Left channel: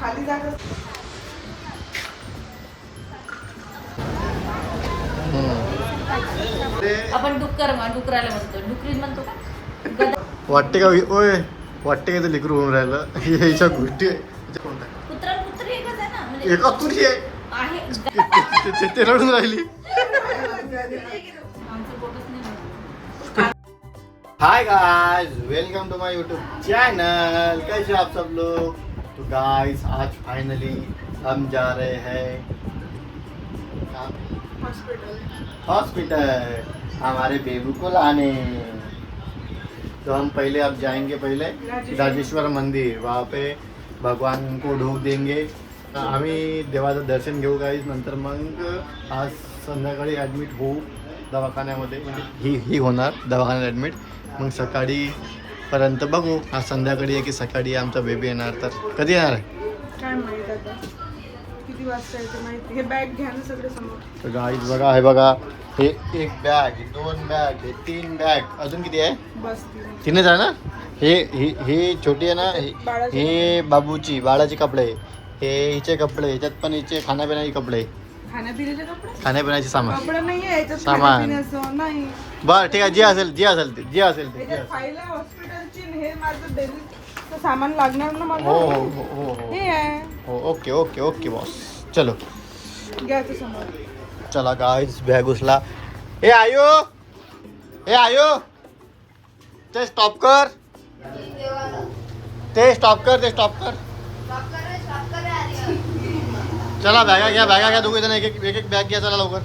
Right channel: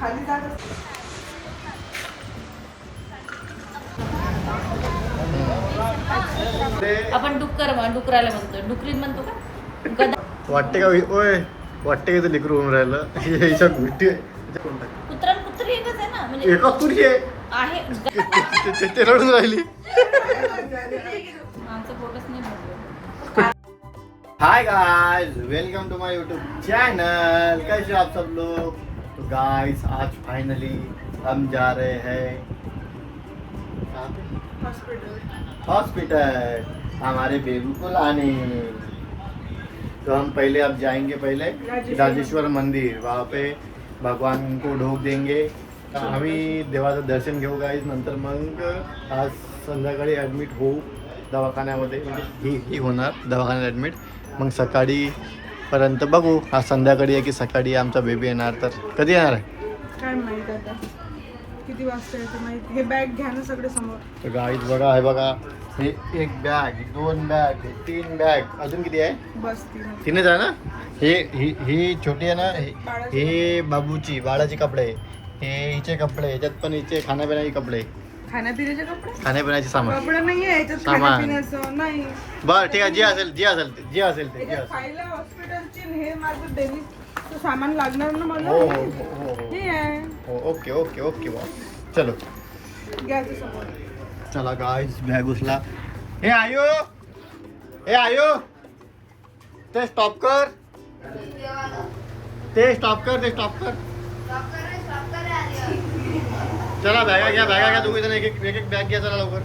खाली जात आपण डुकराला म्हणतो, डुकरीत म्हणतो का गदा. वाटते का ओय वाटते का ते लेकरू होऊन राहिलं ह्याच्या गोष्टी कुत्रा कुत्री एकच आहे ना, म्हणजे एका कुठे आहे. ते रडून राहिली. आमचं फोटोच नाही बघू. Hi guys, welcome to my YouTube channel. कैसे हो आप सब लोग? तो गाइस आज फाइनली हम जा रहे हैं हॉस्पिटल हमारे बेबू को लाने। तो हम पहले अब जाएंगे पहले राजेश्वर मंदिर, वहाँ पे भगवान को ढोक देंगे, आम्ही देवाचं दर्शन घेऊ गाईज। नंतर मग आज संध्याकाळी ॲडमिट होऊ दवाखान्यामध्ये, म्हणजे ही होणार दवाखान्यात ॲडमिट। मग सकाळी पर्यंत बघू, आज संध्याकाळी आहे की सकाळी आमचा बेबी येणार। तर कधी येणार आहे काय माहित आता किती वाजता येते माहिती। हे बॅग घ्या ना सगळं समोर। तर गाईज बघा, हे बघा, हे एक बॅग, दोन बॅग, हे तीन बॅग, अजून किती आहे? बस तीनच आहे ना। ही छोटी आहे ना, ही बाबूची बाळाचे कपडे, हे हिचे कपडे, ह्याच्यात पण हिचे खाण्यापिण्याचे कपडे, खाण्यापिण्याचे कपडे, खाण्यापिण्याचे सामान, कपडे नाही आहे याच्यात सामान. खाण्यापिण्याचं नाही। बरं ठीक आहे, जे असेल ते फाईला हॉस्पिटलची हे माझं डेलीचं सामान लागणार ना मला। हो हो हो हो हो हे आहे। हो ओके ओके ओके बॉस, चलो घ्या ते समोर। चला गाइस, बॅग उचला। हे आयो ते स्टॉप कर, ते स्टॉप कर। चला बॅगा घ्या दोघे जण, एक एक बॅग घ्या, चला लवकर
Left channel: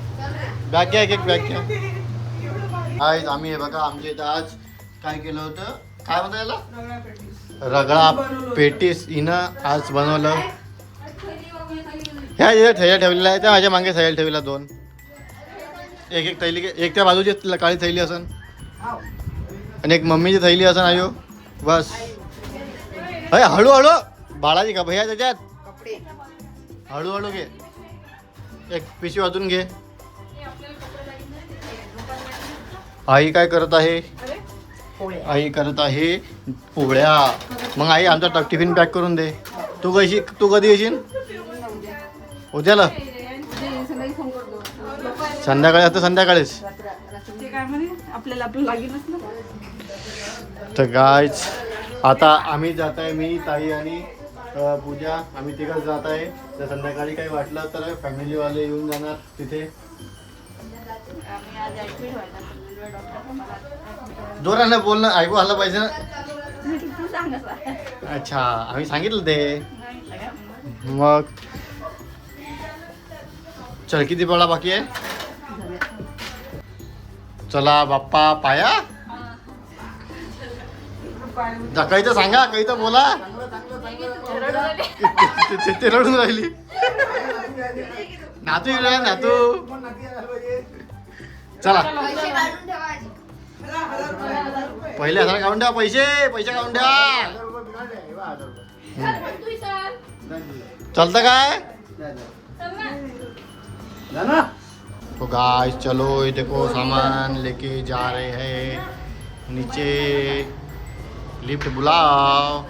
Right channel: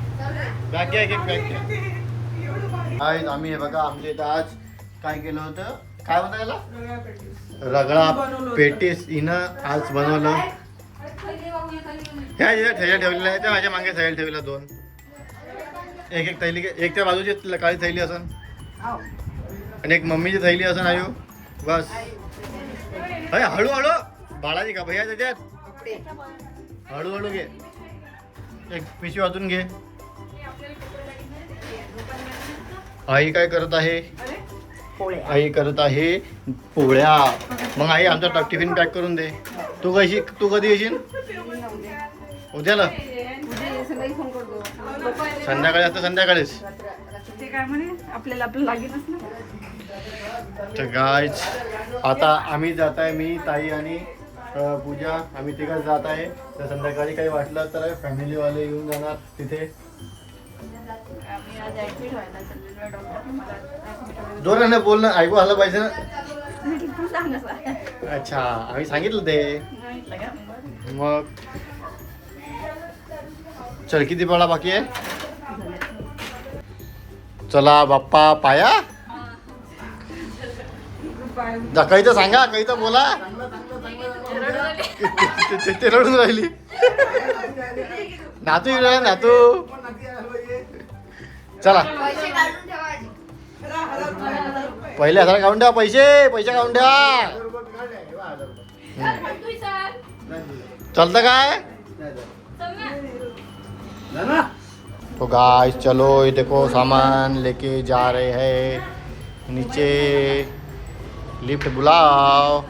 बॅग घ्या, एक बॅग घ्या। आज आम्ही हे बघा, आमच्या इथं आज काय केलं होतं, काय म्हणतात याला, रगडा पेटीस हिनं आज बनवलं। ह्या इथे थैल्या ठेवलेल्या आहे, त्या माझ्या मागे थैल्या ठेवलेल्या दोन, एक थैली, एक त्या बाजूची काळी थैली असन आणि एक मम्मीची थैली असन आयो, बस। अरे हळूहळू बाळाची का भैया त्याच्यात, हळूहळू घे, एक पिशवी वाजून घे। आई काय करत आहे? आई करत आहे पोळ्या। मग आई आमचा टिफिन पॅक करून दे। तू कधी येशील? उद्याला संध्याकाळी असतं, संध्याकाळीच ते काय म्हणे आपल्याला लागेलच ना। तर गाइस आता आम्ही जात आहे, मी, ताई आणि पूजा, आम्ही तिघच जात आहे। तर संध्याकाळी काही वाटलं तर फॅमिलीवाले येऊन जाणार तिथे। जोराने बोलणं ऐकू आलं पाहिजे ना। अच्छा, आम्ही सांगितलं ते। मग चल, किती पडा बाकी आहे? चला बाप्पा पाया, काही तर सांगा, काही तर बोला। ते रडून राहिली, नातू चला पहिले हजार काढून ठेवा, पैसे काढून ठेवा। चलता काय? तो गाइस चलो, ये देखो सामान लेके जा रहे हैं नीचे, लिफ्ट बुलाओ।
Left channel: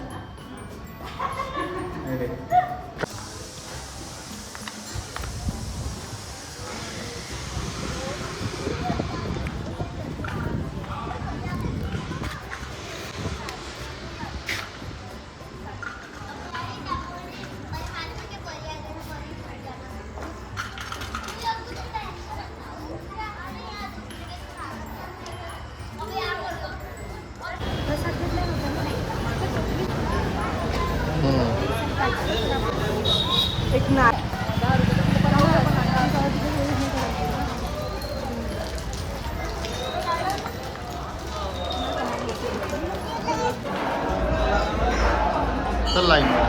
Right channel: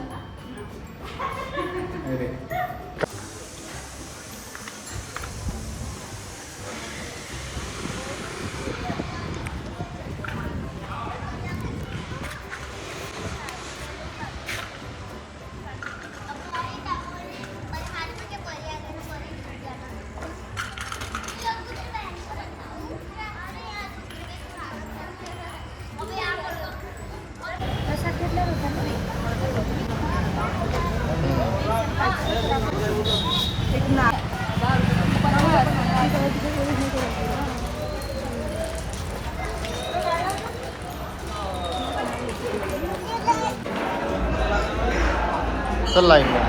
चल लाइन में।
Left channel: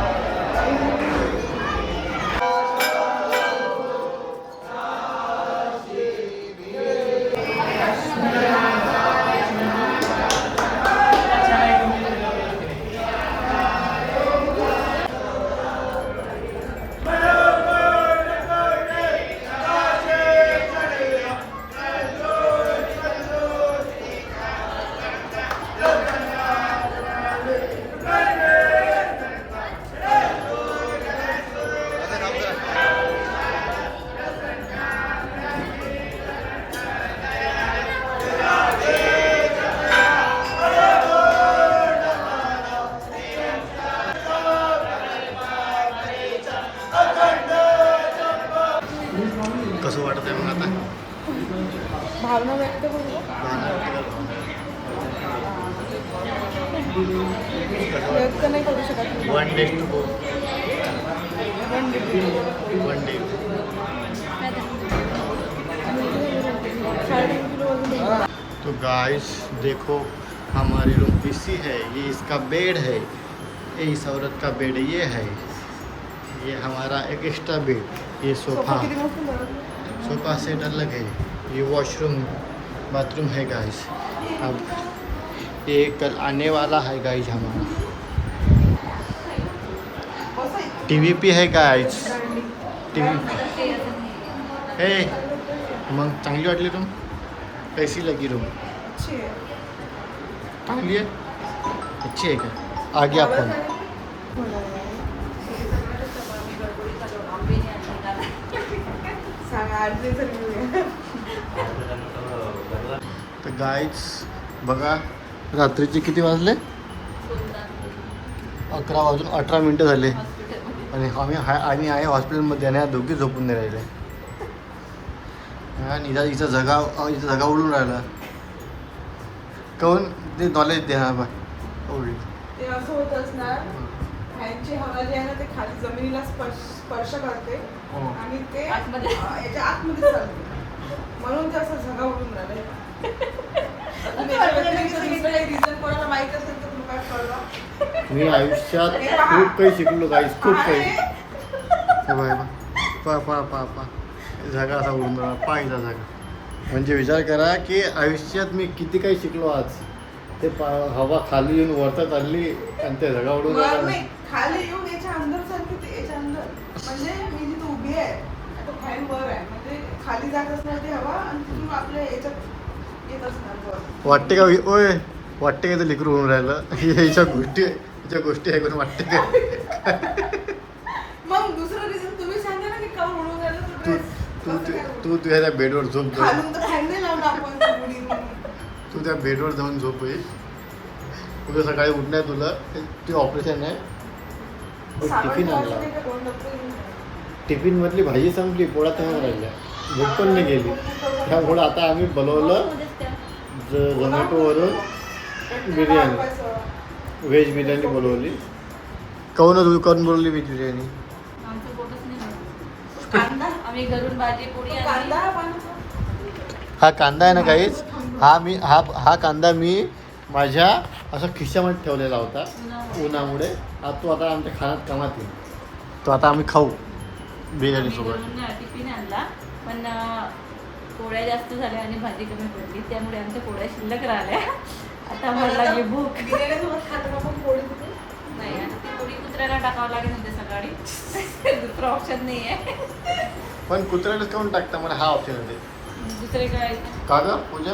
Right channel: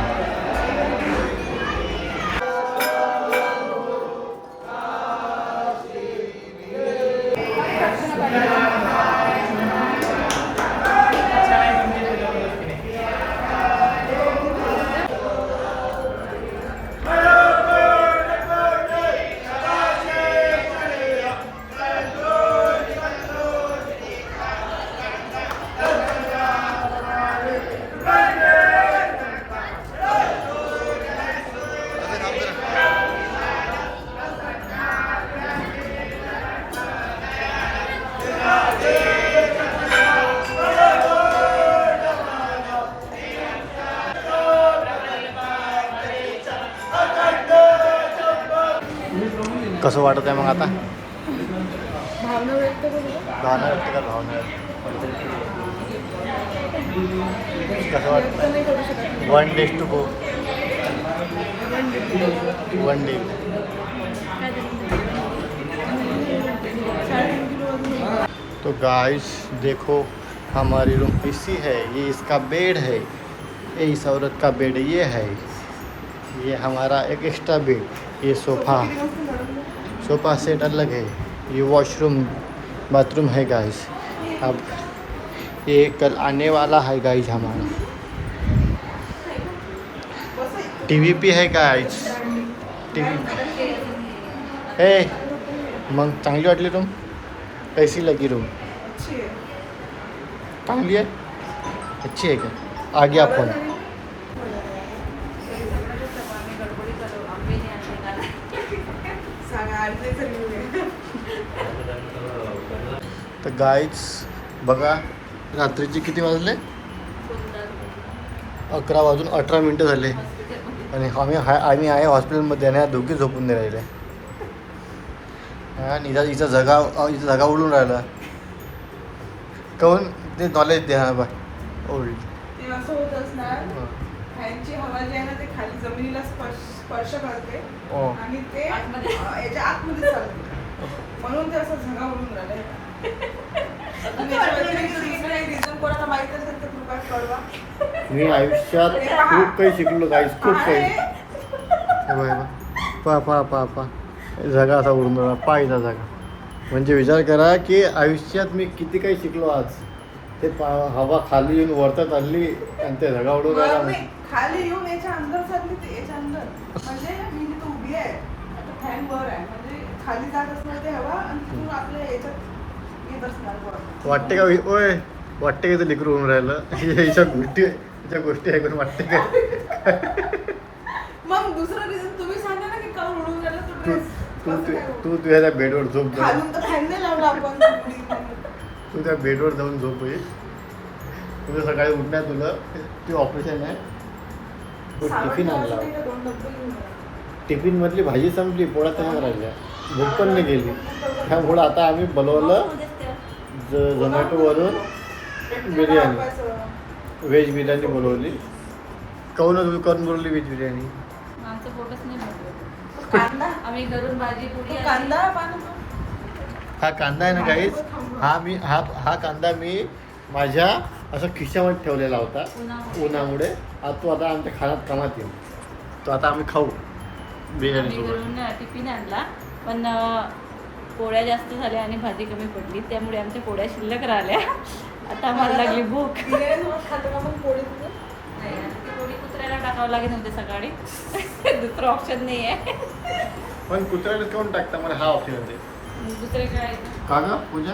कसं वाटत आहे मग आता? भावना व्यक्त करू का? भावना व्यक्त कर, भावना कसं व्यक्त वाटतं? नाही करू शकत मी. 1 days to go. 1 day. तो गाइस देखो हमारी रूम पीसी है, ये इसका बेड है, ये इस औरत का बेड ये है, ये हमारा एक एक्स्ट्रा बेड, ये सोफा सेट अलग है, ये वॉशरूम बाथरूम है गाइस। अब ये कल आने वाला है गाइस हमारा। टीवी पे है गाइस, टीवी। हे मग चांगली वाटली रूम? कैसी लगी रूम? अच्छी आहे. चांगली है, अच्छी है क्या? आ गया फोन। सांगा आज नाही झाली. तर गाईज बघा रात्रीचे किती वाजले? 11 वाजून 18 मिनटं झाले आणि आम्ही आहे हॉस्पिटलमध्ये आणि दोघी झोपून नाही राहिले. हा निजा हिचा जगा उडून राहिला. काहून ते नॉलेज द्या बा ओल्ड. ते असं होत असणार, फॅनची हवा जी आहे ना ते खाली जमिनीला स्पर्श करते हो. आणि ते याच्या आतमध्ये चालते, म्हणून ते असं झगा उठून राहिलं. अजून याच्या व्यतिरिक्त दुसरं काही रिझन कोणाला माहित असेल तर कृपया कळवा. मी आयुष्यात खूप काही शिकलो गाईज, खूप काही. हे बघा पा पा पा पा जागा असा उडून राहिला, पायचा जागा. म्हणजे विचार करा की आयुष्यात मी किती काही शिकलो आज. ते हवा खाली येऊन वरता चालली आणि ते जागा उडून वर राहिला. नाही, खाली येऊन याच्या अंदर चालली, ते याच्या अंदर. म्हणजे मी जिथे उभी आहे आता फॅन वर आहे, म्हणजे खाली जात असणार ती हवा आणि तिथून आपल्या याच्यात येत असणार वर. वाटते का ओय वाटते का ते लेकरू होऊन राहिलं? याच्या गोष्टी ऐकून वाटते का? मग दुसरं रिझन तुम्ही सांगा ना की का उडून राहिलं तू तर तू कसं काय उडून? तू तुझ्या त्या बेडवर झोप जाऊ. खालून तर फॅन नाही लावला आपण उडीन म्हणून. तू त्या बेडवर जाऊन झोप ये. तुझं सकाळी उठणार तुला ते ऑपरेशन आहे. टिफिन आणला, टिफिन मधली भाजी संपली, पोळ्या तयार राहिल्या, भूक पण नाही गेली. त्यामुळं आता आम्ही बोलवलं झोमॅटोवरून बिर्याणी, व्हेज बिर्याणी बोलवली. करून बोलवली व्हेज बिर्याणी? आमचे फोटोच नाही मोकळे. आम्ही घरून भाजी पोळी आणली. कांदा पाणी हा कांदा आहे ना काहीच, हा कांदा मी माझ्या असं खिशामध्ये ठेवलेला होता उन्हामुळे. तो आता आमच्या खाण्यात कामात येईल. तो आता आम्ही खाऊ बिर्याणी आम्ही सोबत. घरून टिफिन आणला, पण पोळ्या जास्त झाल्या आणि भाजी कमी पडली, त्यामुळे आमच्या पोळ्या शिल्लक राहिल्या. आता आम्हाला लागली भूक. बिर्याणीसोबत खातो आपण पोळी तिथे. नाही, पोळी कुत्र्याला टाकावं लागेल नव्हते सकाळी. दुसरं ऑप्शन नाही आहे. पण कुत्र्यालाच काऊन टाकता मला हा ऑप्शन होते दुसरीकडे का ग पूजा?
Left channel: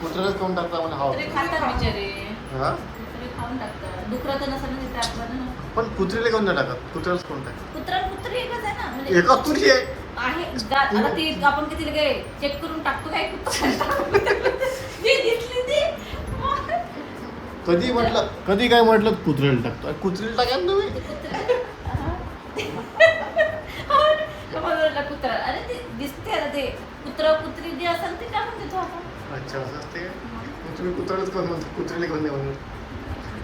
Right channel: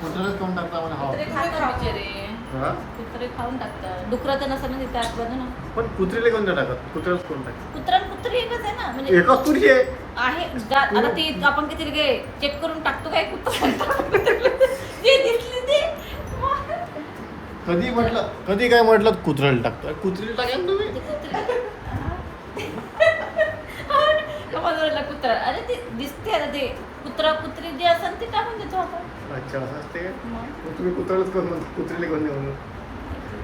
कुत्र्यालाच काऊन टाकता मला हा कुत्रे ऑप्शन? खातात बिचारे. हा कुत्रे खाऊन टाकतात. डुकरं तर नसेल ना तिथे आतमध्ये ना. पण कुत्रीला कोण नाही टाकत, कुत्र्यालाच कोण टाकत? कुत्रा कुत्री एकच आहे ना, म्हणजे एकच तुझी आहे. आहे. आता ती आपण किती लगे चेक करून टाकतो काय कुत्रा. जे दिसली ती कधी काय म्हटलं कुत्र्याला टाकतो? अरे कुत्रीला टाका ना तुम्ही. मला वाटलं कुत्रा. अरे ते दिसते आता ते कुत्रा कुत्री जे असेल ते टाकून देतो आपण. अच्छा असं असते काय? मग मग तुम्ही कुत्र्यालाच कोण म्हणतो, कुत्रीला कोण नाही म्हणत?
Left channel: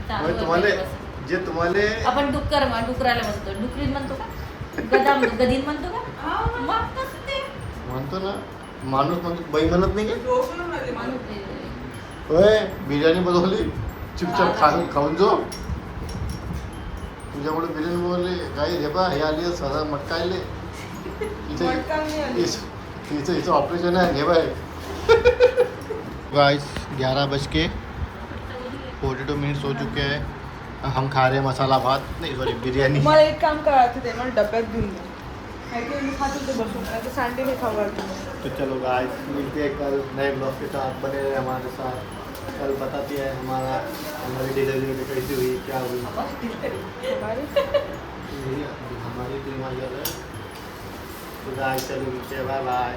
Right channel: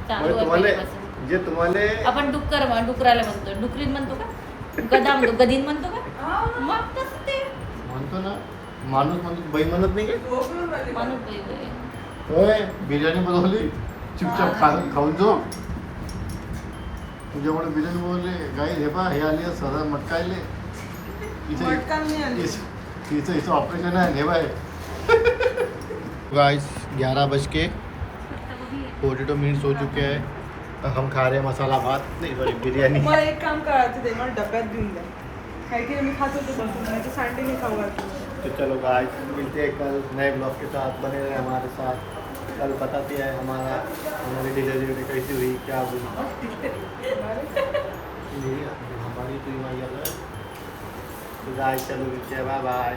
चालू मग आहे तुम्हाला पहिल्यापासून. जे तुम्हाला आपण डुकराला म्हणतो, डुकरीन म्हणतो का, गदा म्हणतो, गदीन म्हणतो का, मग कसं ते म्हणतो ना माणूस म्हणतो, बाई म्हणत नाही काय? डोकं राहिले. माणूस वेगळे. होय बिर्याणी बनवली, चुपचाप खाऊन जो. तुझ्यामुळे बिर्याणी बनवली गाई. हे बा हे आले सदा मटका आले मटका नाही आली. इथं ऑपरेशन है हे भाई. गाइस 11:42 हो चुके हैं. हम खा रहे हैं मसाला भात, नहीं सॉरी बिरयानी. मला एक काम करा, तिथे ना डब्यात घेऊन द्या. काही काही मी खात होते बनवून, नाहीतर सांडे मी खाऊ घालते. तो चलो गाइस मिलते हैं कल नए ब्लॉग के साथ. बने रहे हमारे साथ. कल बताते हैं हमारी डिलीवरी कैसी हुई, क्या हुई. हमारी तो तो गाइस चलो मिलते हैं, बाय बाय.